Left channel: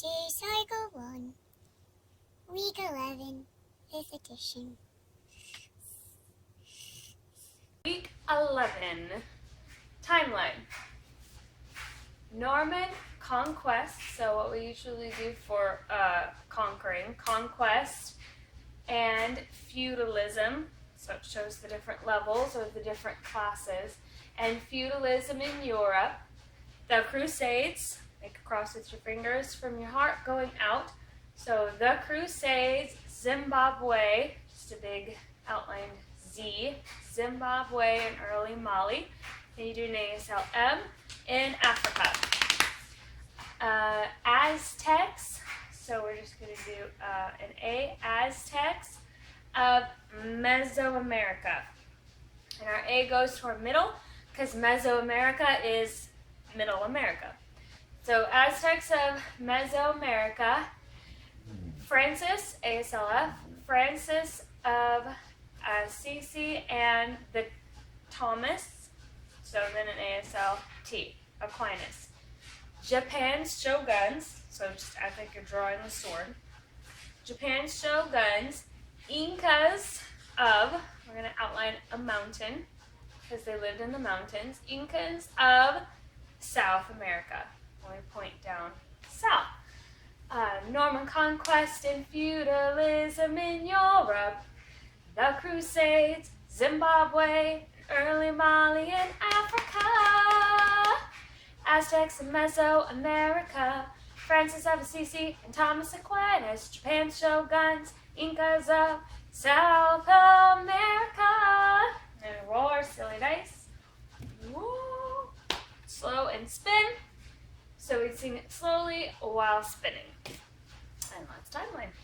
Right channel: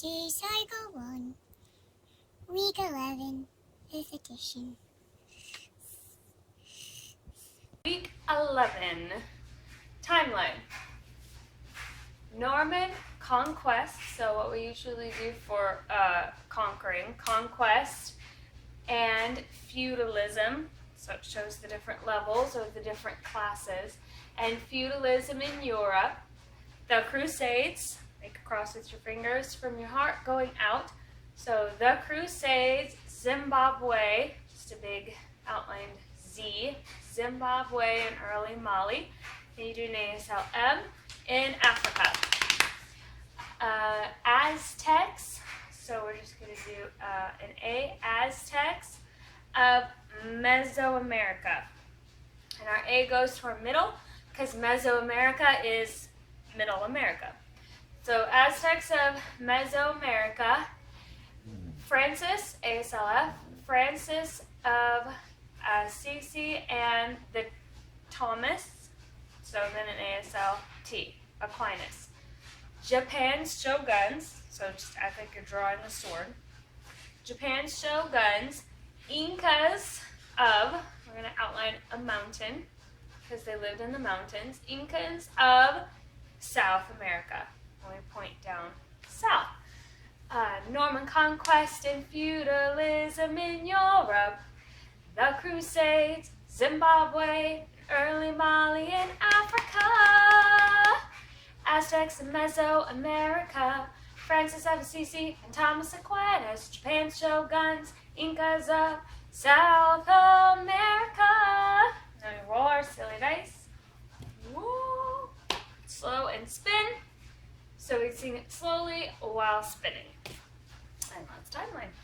This is Cycle 1, Week 11, 5th edition. Week 11, timeline. Norman conquest, so what we usually do for conquering, conquest, and feudalism, so it shows the different levels or the different classes, and feudalism in Europe, the Crusades, make a cross with your fingers from your heart going out, so the Crusades, Zimbabwe, just a big outlined Z, Zimbabwe and early Mali. Then you do an ASLM in Africa. Aztecs, so we're just going to do an A, Aztecs of Mesoamerica. And our A goes toward middle because Mesoamerica is Middle America. So Aztecs of Mesoamerica, Francis, ASLF, Francis of Assisi and the Thomas, so then an ASLT, Aquinas. Japan's shoguns, so just act like you're drawing a sword. Japan's shoguns, Incas of, we're going to outline a mountain because they lived in the mountains, Incas of South America. When we point down south. Norman conquest and feudalism in Europe, the Crusades, Zimbabwe, early Mali and Africa, Aztecs in Mesoamerica, Francis of Assisi and Thomas Aquinas, Japan's shoguns, Incas of South America. Now we roll our silly dice. Woo. Slow and spin. So we sing it slowly while spinning. And that's timeline.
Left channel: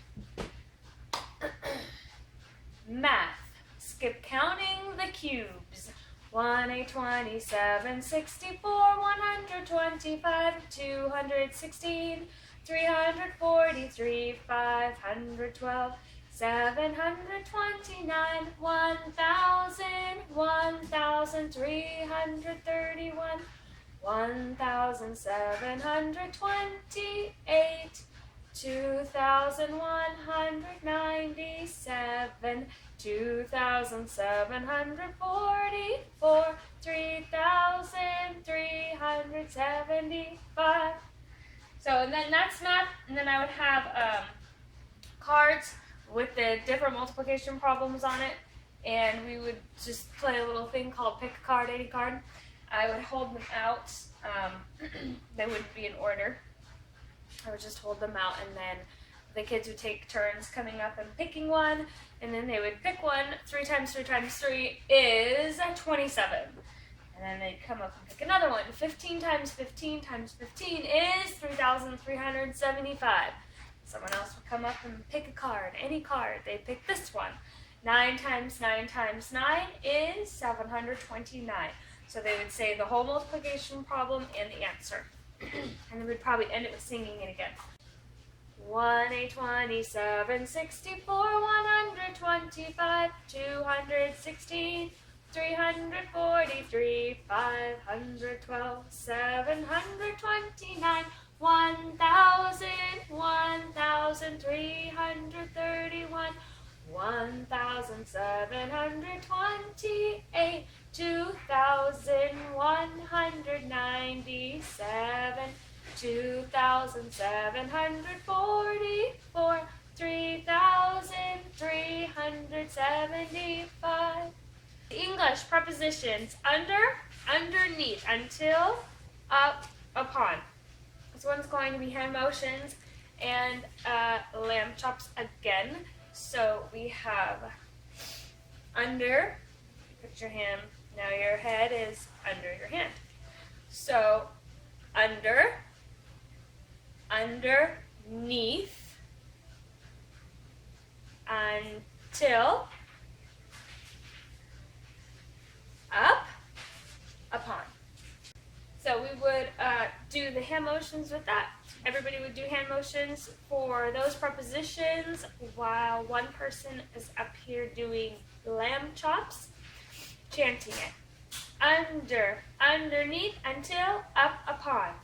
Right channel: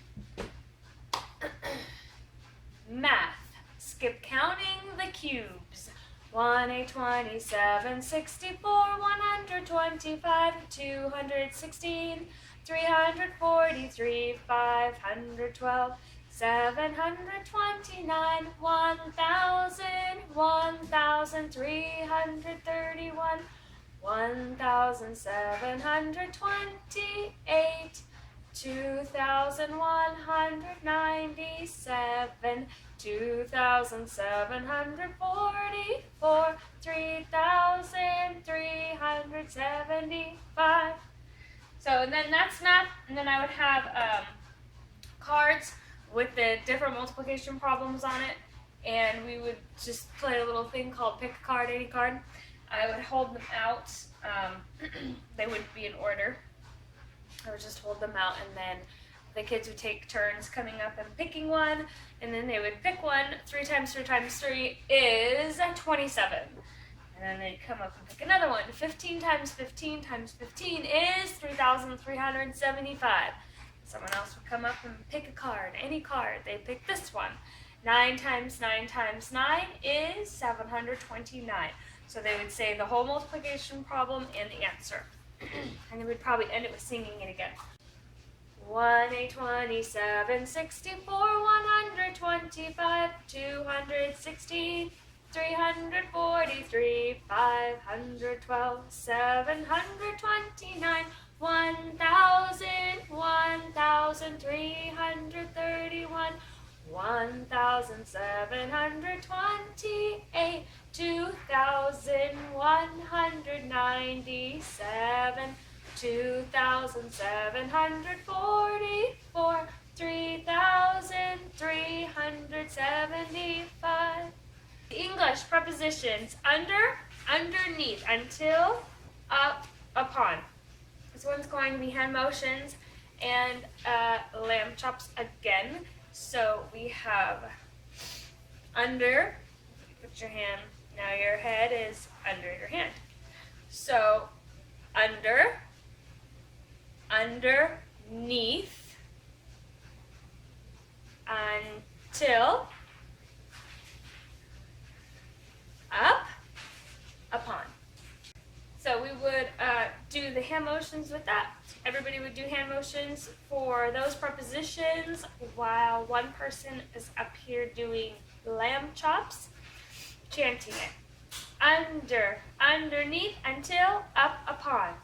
Math. Skip counting the cubes. 127, 64, 125, 216, 343, 512, 729, 1,000, 1,331, 1,728, 2,197, 2,744, 3,375. So, and then that's math, and then I would have cards with the different multiplication problems on it, and we would just play a little thing called pick a card, any card. I would hold them out. They wouldn't be in order. I would just hold them out, and then the kids would take turns coming up and picking one, and then they would pick one. 3 times 3 times 3 is 27. And then they'd come up and pick another one. 15 times 15 times 15 is 3,375. Someone else would come up and pick a card, any card. They'd pick this one. 9 times 9 times 9 is 729. So they would say the whole multiplication problem and the answer. And they would probably end it with singing it again. 127, 64, 125, 216, 343, 512, 729, 1,000, 1,331, 1,728, 2,197, 2,744, 3,375. English prepositions: under, underneath, until, up, upon. This one's going to be hand motions and lamb chops again. So we have under, put your hand, now your head is under your hand. So under, underneath, until, up, upon. So we would do the hand motions with that. Everybody would do hand motions for those prepositions while one person is up here doing lamb chops, chanting it. Under, underneath, until, up, upon.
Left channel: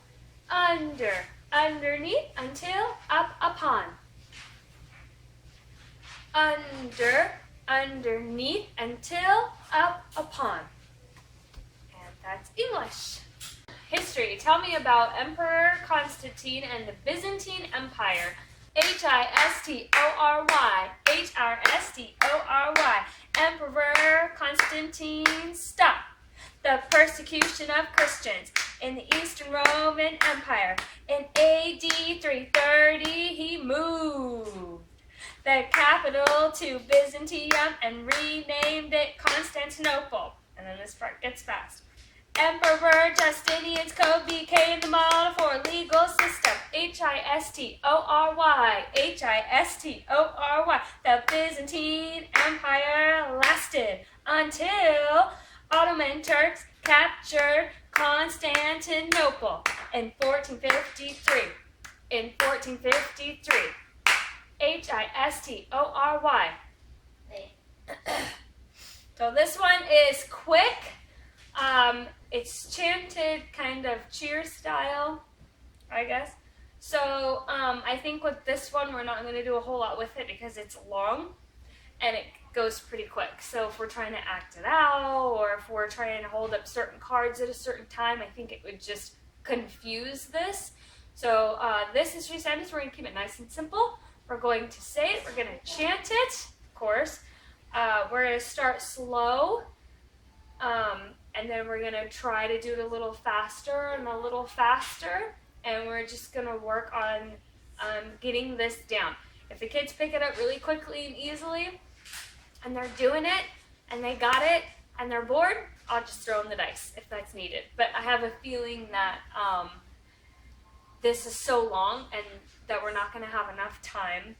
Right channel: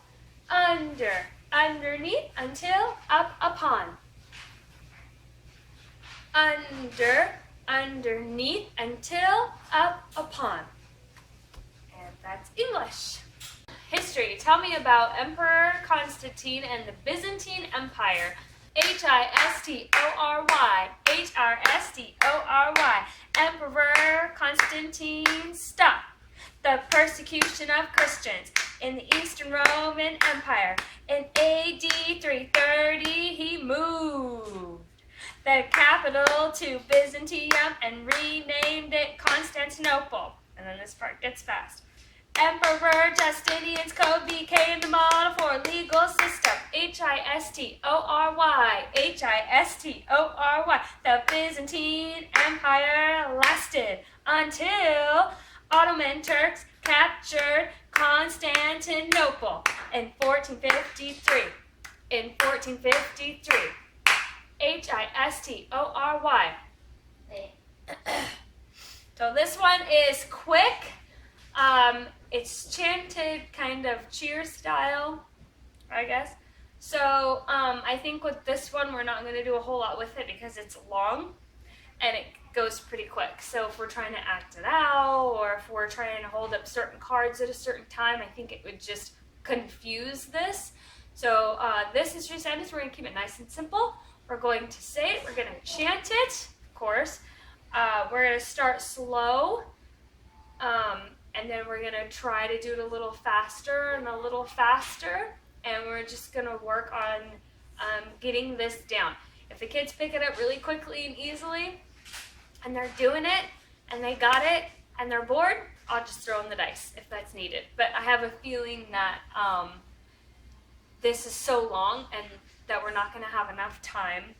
Under, underneath, until, up, upon. Under, underneath, until, up, upon. And that's English. History. Tell me about Emperor Constantine and the Byzantine Empire. History. History. Emperor Constantine stopped the persecution of Christians in the Eastern Roman Empire. In AD 330, he moved the capital to Byzantium and renamed it Constantinople. And then this part gets fast. Emperor Justinian's code became the model for a legal system. History. History. The Byzantine Empire lasted until Ottoman Turks captured Constantinople in 1453. In 1453. History. So this one is quick. It's chanted kind of cheer style, I guess. So I think with this one we're not going to do a whole lot with it because it's long and it goes pretty quick. So if we're trying to act it out or if we're trying to hold up certain cards at a certain time, I think it would just confuse this. So this history sentence, we're going to keep it nice and simple. We're going to say it, we're going to chant it, of course. We're going to start slow. And then we're going to try to do it a little faster and a little faster. And we're just going to work on getting this down. If the kids pick it up really quickly and easily, and they're doing it, and they got it, and they're bored, I'll just throw in the dice if that's needed. But I have a feeling that this is so long and that we're not going to have enough time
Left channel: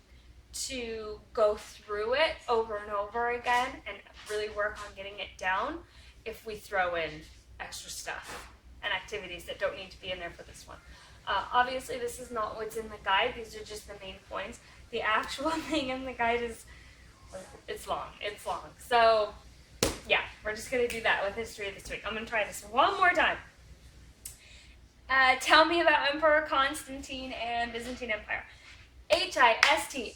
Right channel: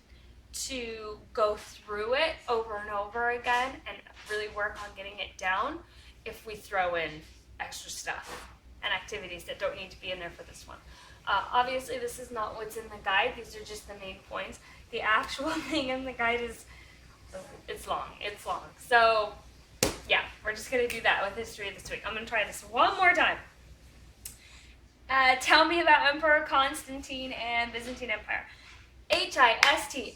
to go through it over and over again and really work on getting it down if we throw in extra stuff and activities that don't need to be in there for this one. Obviously, this is not what's in the guide. These are just the main points. The actual thing in the guide is, it's long. It's long. So, yeah, we're just going to do that with history this week. I'm going to try this one more time. Tell me about Emperor Constantine and Byzantine Empire. History. History.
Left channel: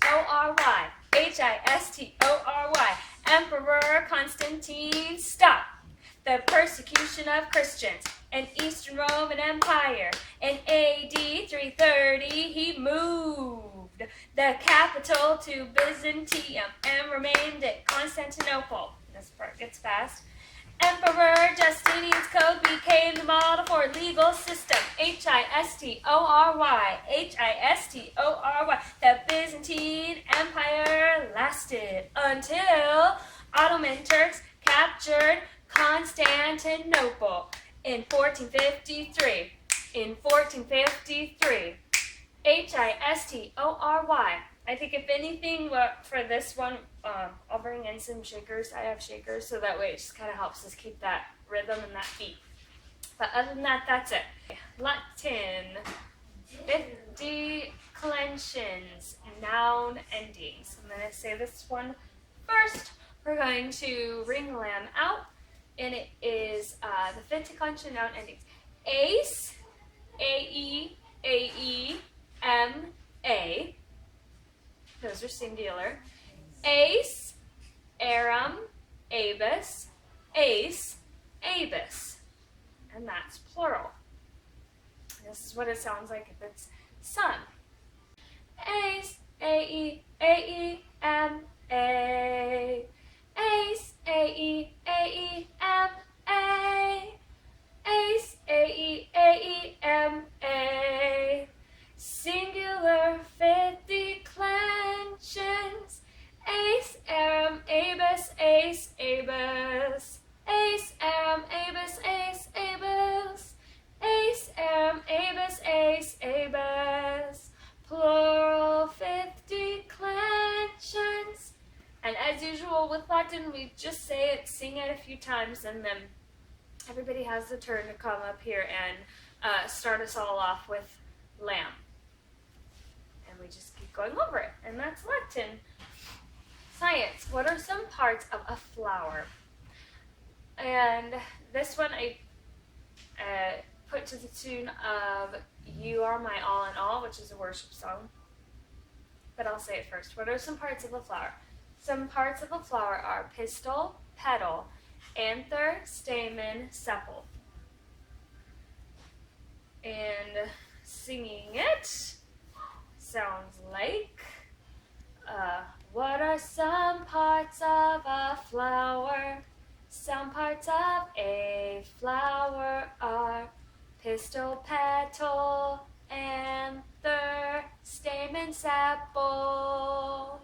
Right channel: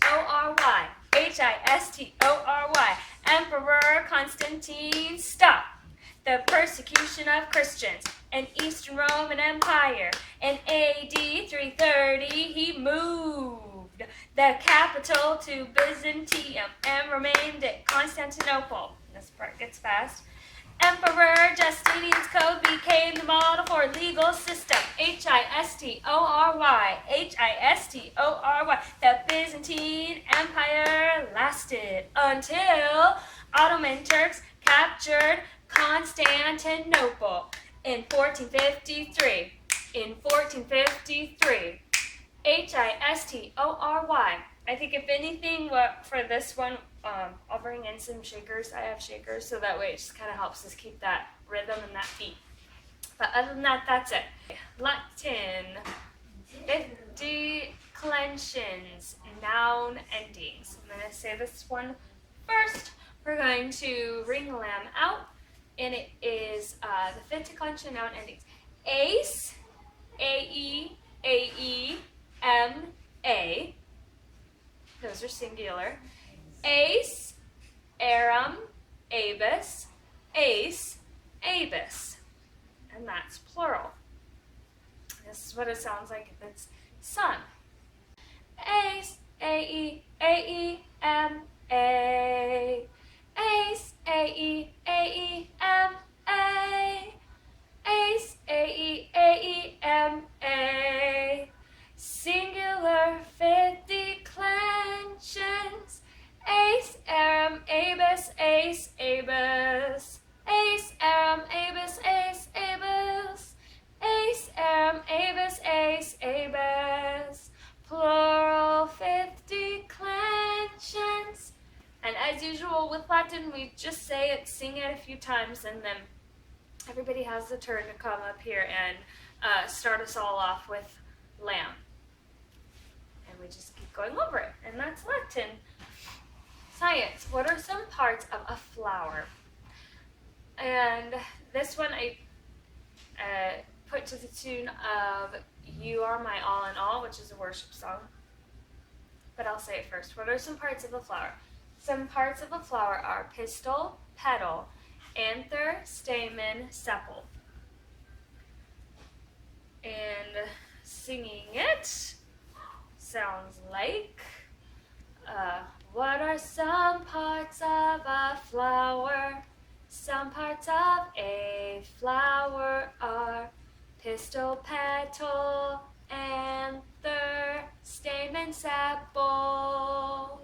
Emperor Constantine stopped the persecution of Christians in Eastern Roman Empire. In AD 330, he moved the capital to Byzantium and remained at Constantinople. This part gets fast. Emperor Justinian's code became the model for a legal system. History. History. The Byzantine Empire lasted until Ottoman Turks captured Constantinople in 1453. In 1453. History. I think if anything, for this one, I'll bring in some shakers. I have shakers, so that way it just kind of helps us keep that rhythm and that beat. But other than that, that's it. Latin. 50 declensions, noun endings. I'm going to say this one first. We're going to ring the lamb out, and it is the fifth declension noun endings. Ace, A-E, A-E, M-A. Those are singular. Ace, aram, abus, ace, abus. And that's plural. This is what it sounds like if it's sun. Ace, A-E, A-E, M-A. Ace, A-E, A-E, M-A. Ace, A-E, A-E, M-A. Singular fifth declensions. Ace, aram, abus, ace, abus. Ace, aram, abus, ace, abus. Ace, aram, abus, ace, abus. Plural fifth declensions. And as usual with Latin, we just say it, sing it a few times, and then everybody has the turn to come up here and start us all off with lamb. And we just keep going over it. And that's Latin. Science. What are some parts of a flower? And this one, put to the tune of You Are My All in All, which is a worship song. But I'll say it first. What are some parts of a flower? Some parts of a flower are pistil, petal, anther, stamen, sepal. And singing it sounds like, what are some parts of a flower? Some parts of a flower are pistil, petal, anther, stamen, sepal.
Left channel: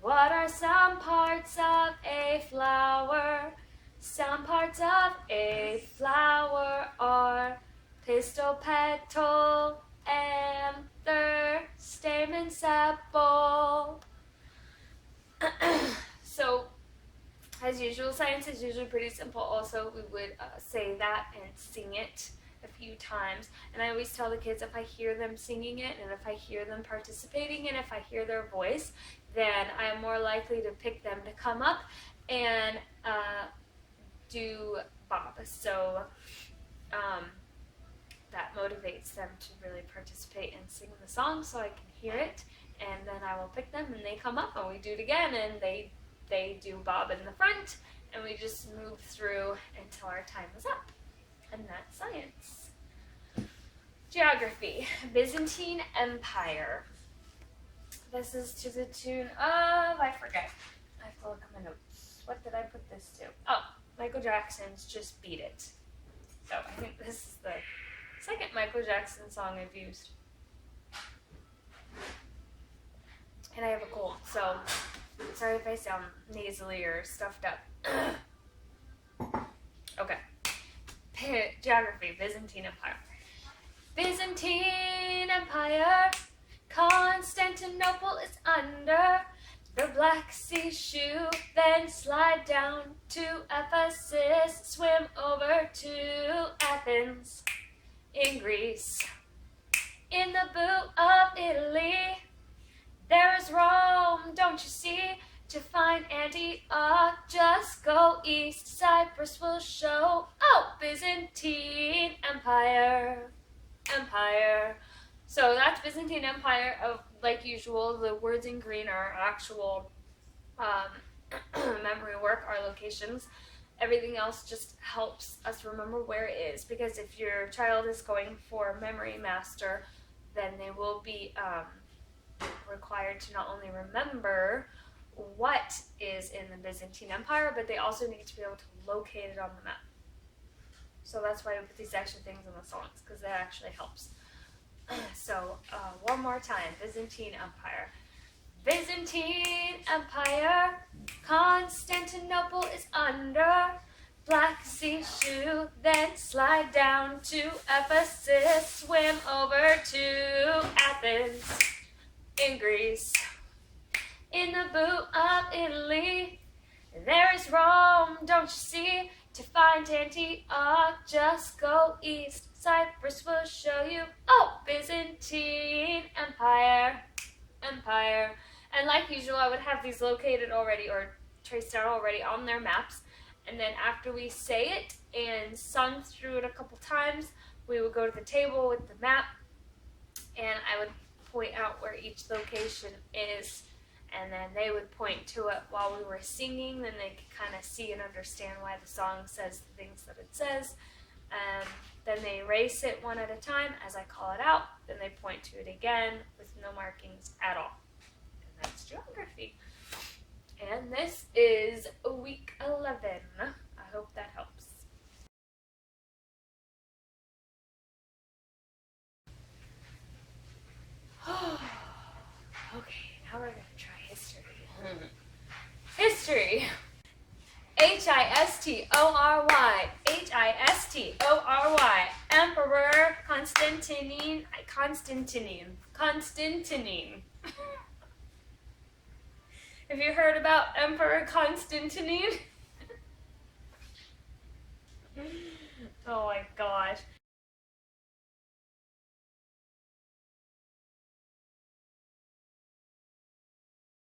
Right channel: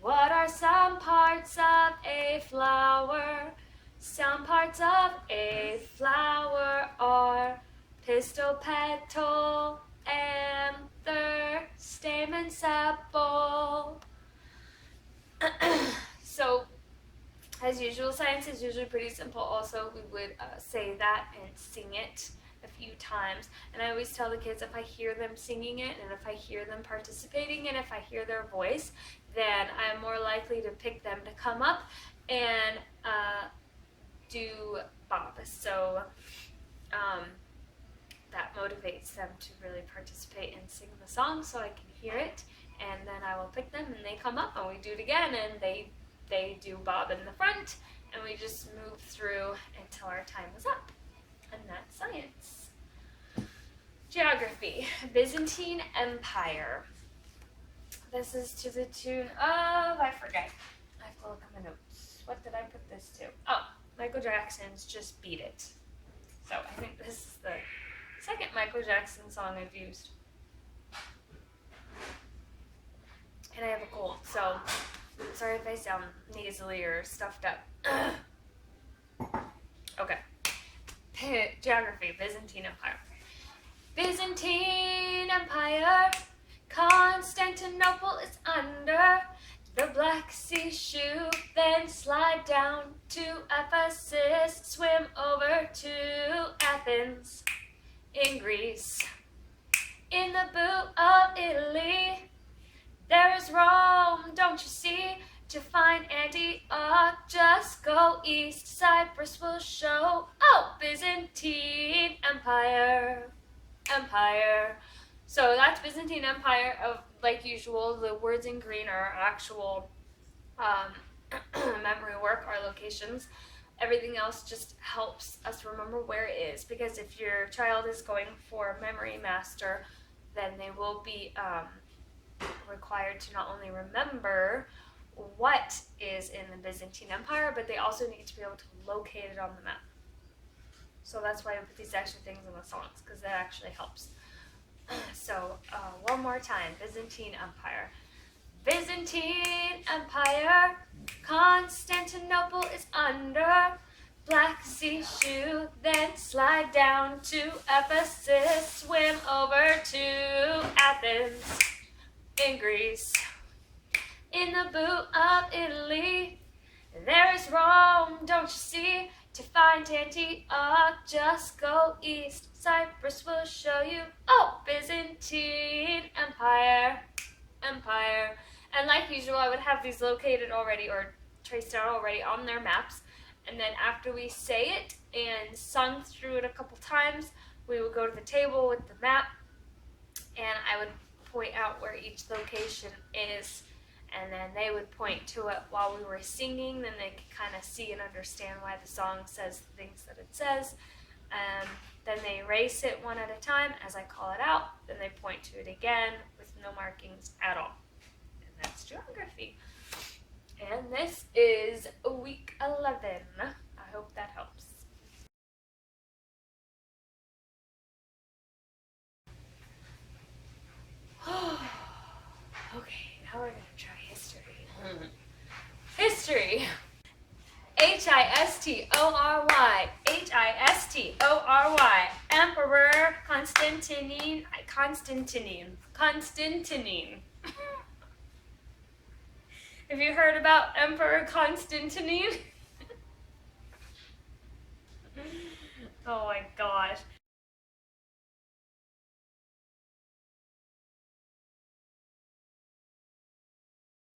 What are some parts of a flower? Some parts of a flower are pistil, petal, anther, stamen, sepal. So, as usual, science is usually pretty simple. Also, we would say that and sing it a few times. And I always tell the kids, if I hear them singing it and if I hear them participating and if I hear their voice, then I'm more likely to pick them to come up and do Bob. So that motivates them to really participate and sing the song so I can hear it. And then I will pick them and they come up and we do it again and they do Bob in the front and we just move through until our time is up. And that's science. Geography. Byzantine Empire. This is to the tune of, I forget. I have to look at my notes. What did I put this to? Oh, Michael Jackson's Just Beat It. So I think this is the second Michael Jackson song I've used. And I have a cold, so sorry if I sound nasally or stuffed up. Okay. Geography, Byzantine Empire. Byzantine Empire, Constantinople is under the Black Sea shoe, then slide down to Ephesus, swim over to Athens in Greece. In the boot of Italy, there is Rome, don't you see? To find Antioch, just go east. Cyprus will show. Oh, Byzantine Empire. Empire. So that's Byzantine Empire. Like usual, the words in green are actual memory work, our locations. Everything else just helps us remember where it is. Because if your child is going for memory master, then they will be required to not only remember what is in the Byzantine Empire, but they also need to be able to locate it on the map. So that's why we put these extra things in the songs, because that actually helps. So one more time, Byzantine Empire. Byzantine Empire, Constantinople is under Black Sea shoe, then slide down to Ephesus, swim over to Athens in Greece. In the boot of Italy, there is Rome, don't you see? To find Antioch, just go east. Cyprus will show you. Oh, Byzantine Empire. Empire. And like usual, I would have these located already or traced out already on their maps. And then after we say it and sung through it a couple times, we would go to the table with the map and I would point out where each location is, and then they would point to it while we were singing. Then they could kind of see and understand why the song says the things that it says. Then they erase it one at a time as I call it out. Then they point to it again with no markings at all. And that's geography. And this is week 11. I hope that helps. Okay, now we're going to try history. History. History. History. Emperor Constantine. Have you heard about Emperor Constantine? Oh my gosh.